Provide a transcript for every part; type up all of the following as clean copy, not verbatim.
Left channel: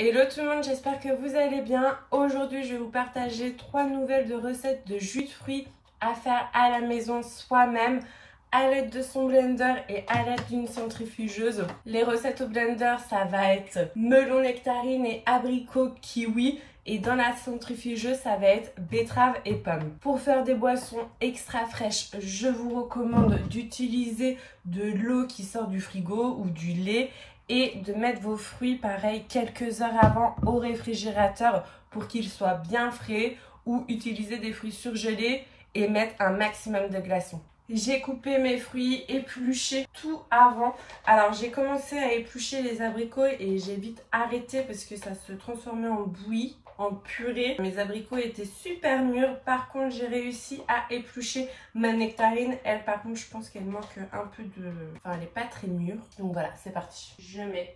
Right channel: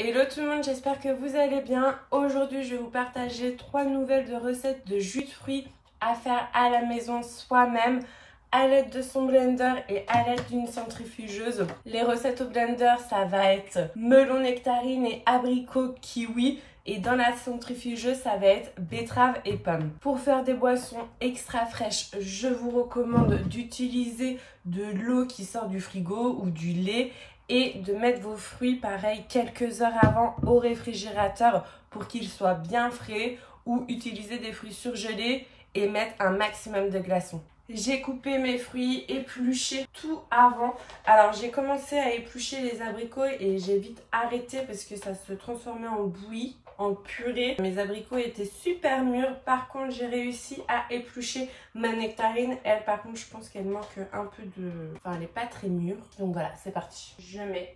Hello tout le monde, j'espère que vous allez bien. Aujourd'hui, je vais vous partager 3 nouvelles de recettes de jus de fruits à faire à la maison soi-même à l'aide de son blender et à l'aide d'une centrifugeuse. Les recettes au blender, ça va être melon nectarine et abricot kiwi. Et dans la centrifugeuse, ça va être betterave et pomme. Pour faire des boissons extra fraîches, je vous recommande d'utiliser de l'eau qui sort du frigo ou du lait et de mettre vos fruits, pareil, quelques heures avant au réfrigérateur pour qu'ils soient bien frais, ou utiliser des fruits surgelés et mettre un maximum de glaçons. J'ai coupé mes fruits, épluché tout avant. Alors j'ai commencé à éplucher les abricots et j'ai vite arrêté parce que ça se transformait en bouillie, en purée. Mes abricots étaient super mûrs. Par contre, j'ai réussi à éplucher ma nectarine. Elle, par contre, je pense qu'elle manque un peu de... Enfin, elle n'est pas très mûre. Donc voilà, c'est parti. Je mets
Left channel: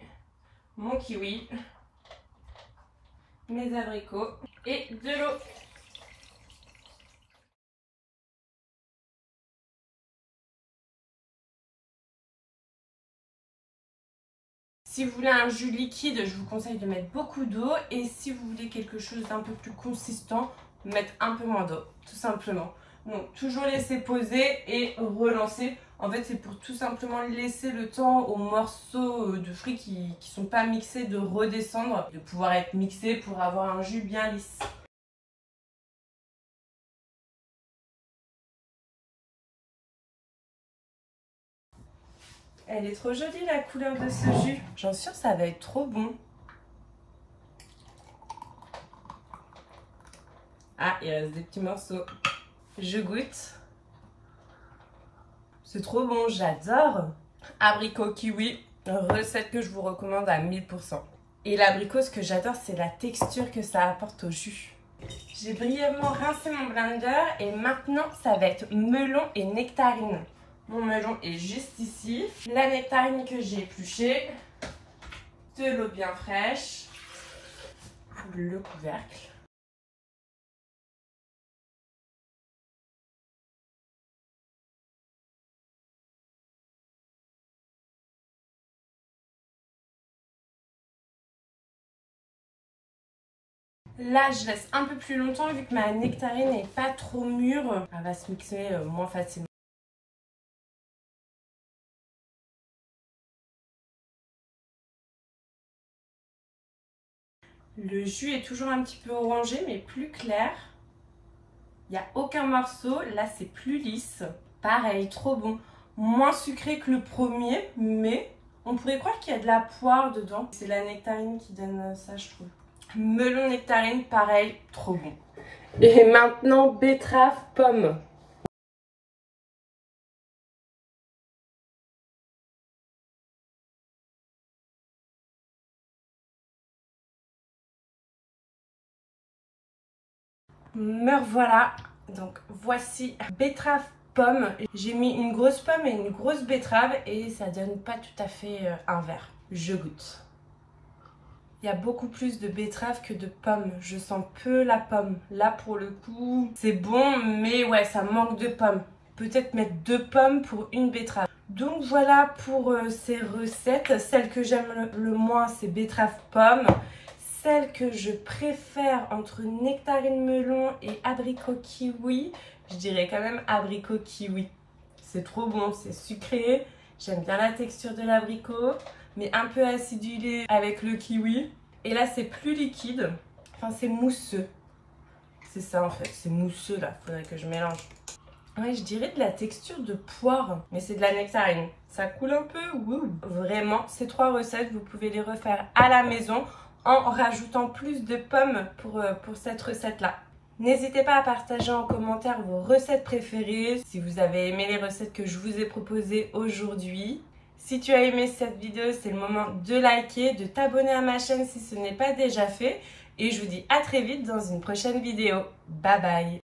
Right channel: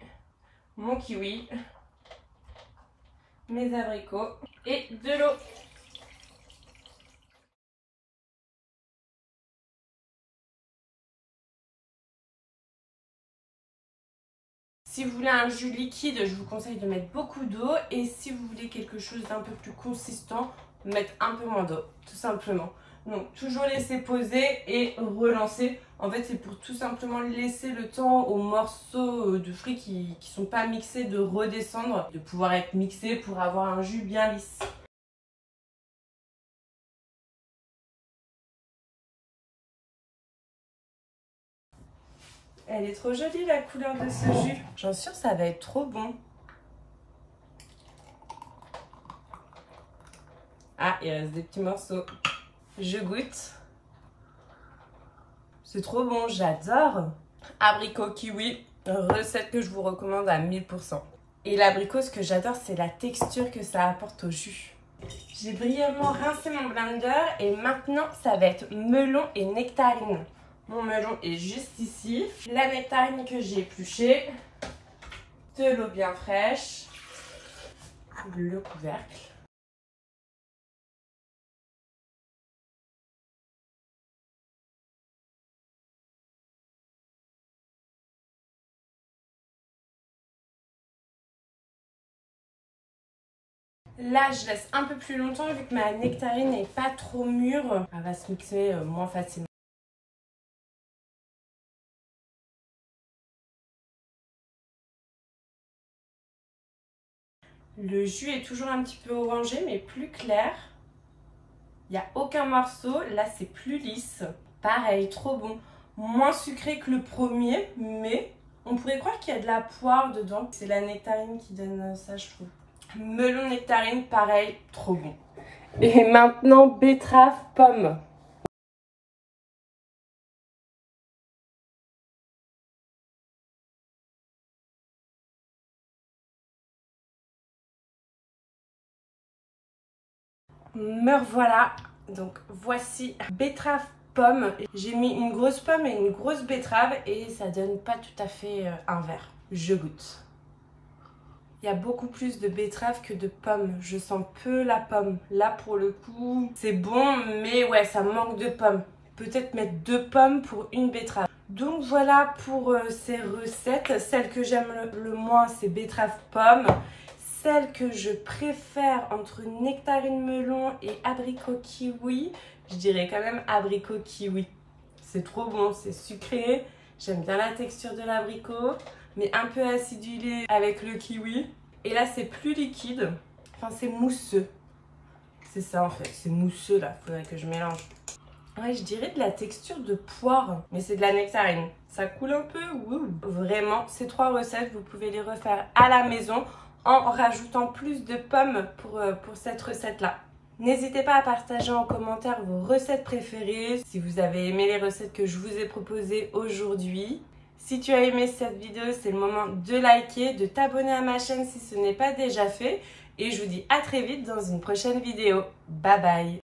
mon kiwi, mes abricots et de l'eau. Si vous voulez un jus liquide, je vous conseille de mettre beaucoup d'eau. Et si vous voulez quelque chose d'un peu plus consistant, mettre un peu moins d'eau, tout simplement. Donc, toujours laisser poser et relancer. En fait, c'est pour tout simplement laisser le temps aux morceaux de fruits qui ne sont pas mixés de redescendre, de pouvoir être mixés pour avoir un jus bien lisse. Elle est trop jolie la couleur de ce jus. J'en suis sûre ça va être trop bon. Ah, il reste des petits morceaux. Je goûte. C'est trop bon, j'adore. Abricot kiwi, recette que je vous recommande à 1000%. Et l'abricot, ce que j'adore, c'est la texture que ça apporte au jus. J'ai brièvement rincé mon blender et maintenant, ça va être melon et nectarine. Mon melon est juste ici. La nectarine que j'ai épluchée. De l'eau bien fraîche. Le couvercle. Là, je laisse un peu plus longtemps vu que ma nectarine n'est pas trop mûre. Elle va se mixer moins facilement. Le jus est toujours un petit peu orangé, mais plus clair. Il n'y a aucun morceau. Là, c'est plus lisse. Pareil, trop bon. Moins sucré que le premier, mais on pourrait croire qu'il y a de la poire dedans. C'est la nectarine qui donne ça, je trouve. Melon nectarine, pareil, trop bon. Et maintenant, betterave, pomme. Me revoilà. Donc voici betterave, pomme. J'ai mis une grosse pomme et une grosse betterave et ça donne pas tout à fait un verre. Je goûte. Il y a beaucoup plus de betterave que de pommes. Je sens peu la pomme. Là, pour le coup, c'est bon, mais ouais, ça manque de pommes. Peut-être mettre 2 pommes pour une betterave. Donc voilà pour ces recettes. Celle que j'aime le moins, c'est betterave pomme. Celle que je préfère entre nectarine melon et abricot kiwi, je dirais quand même abricot kiwi. C'est trop bon, c'est sucré. J'aime bien la texture de l'abricot, mais un peu acidulé avec le kiwi. Et là, c'est plus liquide. Enfin, c'est mousseux. C'est ça en fait, c'est mousseux là. Faudrait que je mélange. Ouais, je dirais de la texture de poire, mais c'est de la nectarine. Ça coule un peu, ouh. Vraiment, ces 3 recettes, vous pouvez les refaire à la maison en rajoutant plus de pommes pour cette recette-là. N'hésitez pas à partager en commentaire vos recettes préférées, si vous avez aimé les recettes que je vous ai proposées aujourd'hui. Si tu as aimé cette vidéo, c'est le moment de liker, de t'abonner à ma chaîne si ce n'est pas déjà fait. Et je vous dis à très vite dans une prochaine vidéo. Bye bye!